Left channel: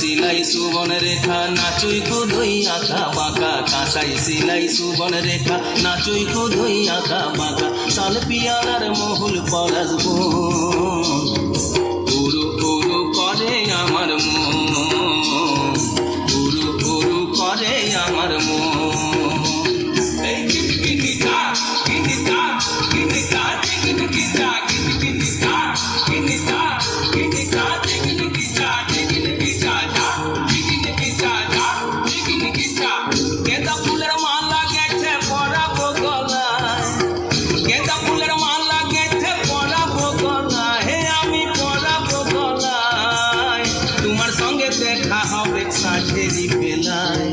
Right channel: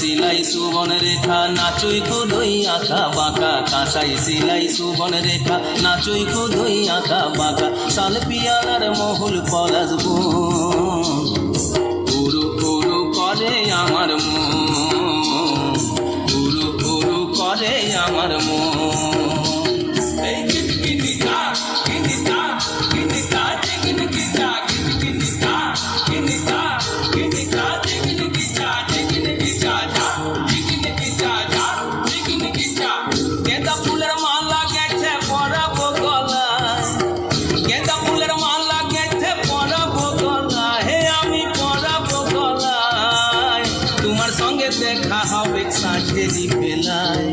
সিলাই সুবন রেখা নাচুই কোদই আঁকা বাঁকা, কাঁসাই সিলাই সুবন রেখা নাচুই কোদই আঁকা বাঁকা, শাল পিয়ারার মহুল পলাশ গুণ উরু উরু করে আমার মন, উরু উরু করে আমার মন। গেঁদা ফুলের মালা গেছে পরাবো গলায়, গেঁদা ফুলের মালা গেছে পরাবো গলায়, হে আমি পরাবো গলায়। তোমার সঙ্গে দেখা হবে সাঁঝেরি বেলায়,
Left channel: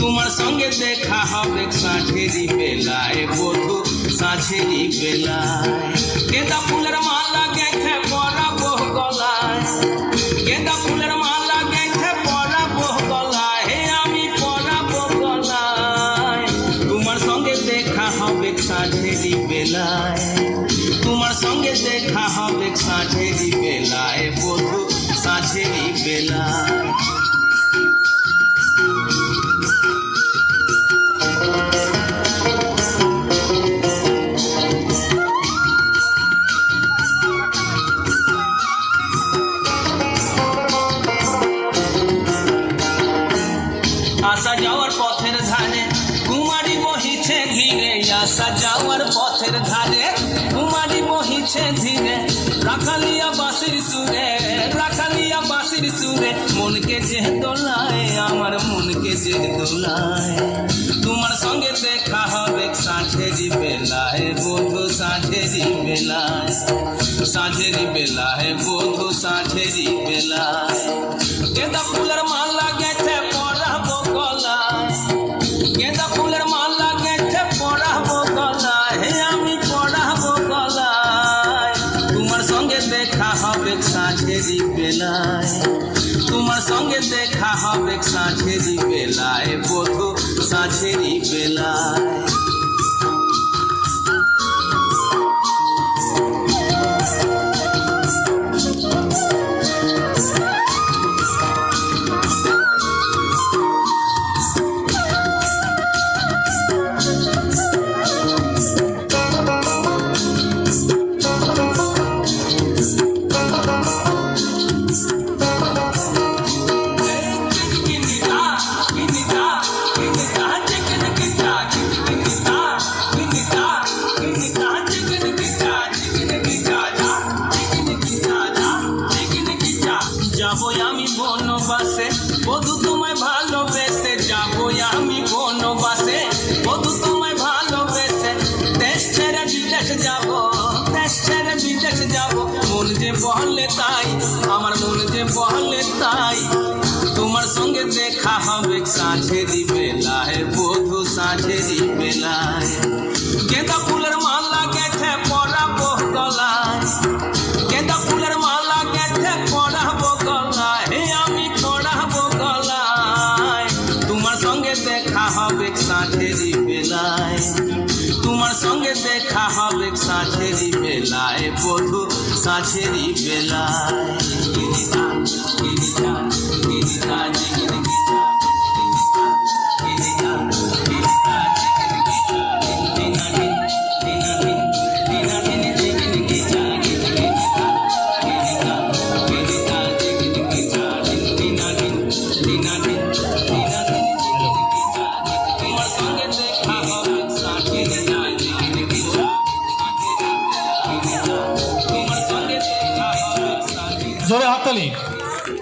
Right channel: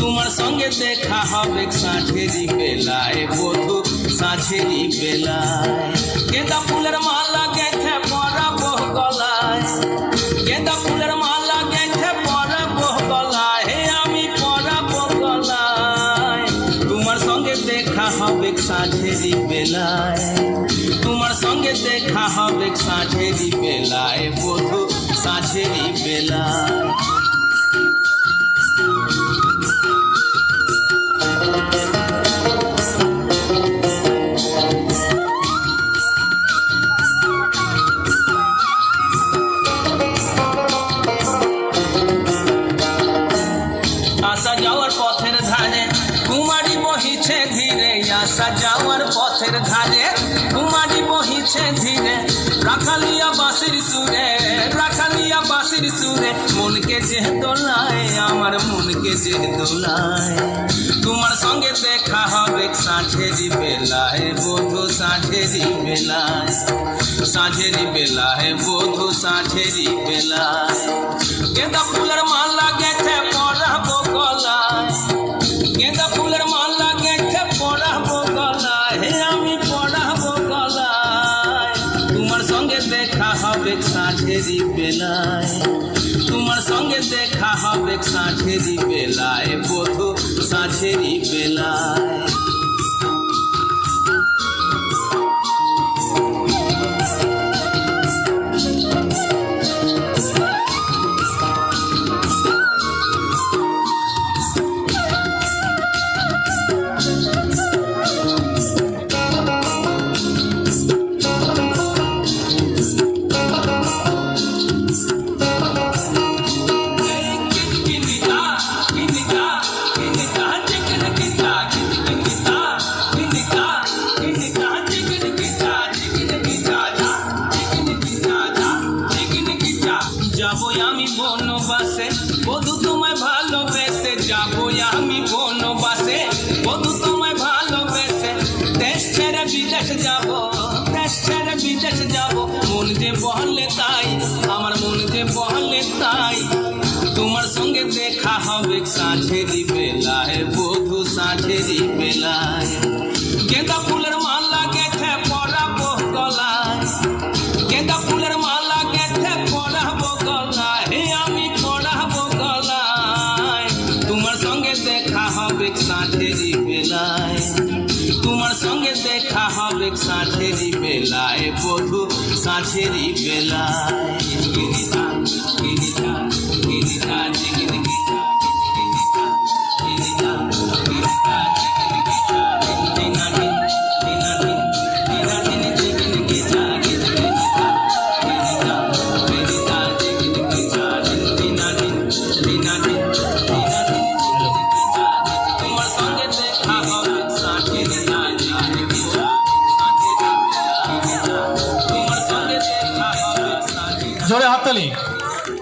তোমার সঙ্গে দেখা হবে সাঁঝেরি বেলায়, বধূ সাঁঝেরি বেলায়। গেঁদা ফুলের মালা গেছে পরাবো গলায়, গেঁদা ফুলের মালা গেছে পরাবো গলায়, হে আমি পরাবো গলায়। তোমার সঙ্গে দেখা হবে সাঁঝেরি বেলায়, তোমার সঙ্গে দেখা হবে সাঁঝেরি বেলায়, বধূ সাঁঝেরি বেলায়। আসা যাওয়ার পথের ধারে কুমারী বহিছে ধীরে, আসা যাওয়ার পথের ধারে কুমারী বহিছে ধীরে, রাখালিয়া বাঁশির সুরে, রাখালিয়া বাঁশির সুরে, মনকে যে দোলায় আমার মনকে যে দোলায়। তোমার সঙ্গে দেখা হবে সাঁঝেরি বেলায়, বধূ সাঁঝেরি বেলায়, সাঁঝেরি বেলায়, বধূ সাঁঝেরি বেলায়। গেঁদা ফুলের মালা গেছে পরাবো গলায়, গেঁদা ফুলের মালা গেছে পরাবো গলায়, হে আমি পরাবো গলায়। তোমার সঙ্গে দেখা হবে সাঁঝেরি বেলায়, তোমার সঙ্গে দেখা হবে সাঁঝেরি বেলায়, বধূ সাঁঝেরি বেলায়। যাবো আমি বনবাসে বধূ তোমায় ভালোবেসে, যাবো আমি বনবাসে বধূ তোমায় ভালোবেসে, দেশ ছেড়ে বিদেশ যাবো, দেশ ছেড়ে বিদেশ যাবো, মন যে বলে তাই আমার মন যে বলে তাই। তোমার সঙ্গে দেখা হবে সাঁঝেরি বেলায়, বধূ সাঁঝেরি বেলায়। গেঁদা ফুলের মালা গেছে পরাবো গলায়, গেঁদা ফুলের মালা গেছে পরাবো গলায়, হে আমি পরাবো গলায়। তোমার সঙ্গে দেখা হবে সাঁঝেরি বেলায়, তোমার সঙ্গে দেখা হবে সাঁঝেরি বেলায়, বধূ সাঁঝেরি বেলায়। জোরে হাততালি।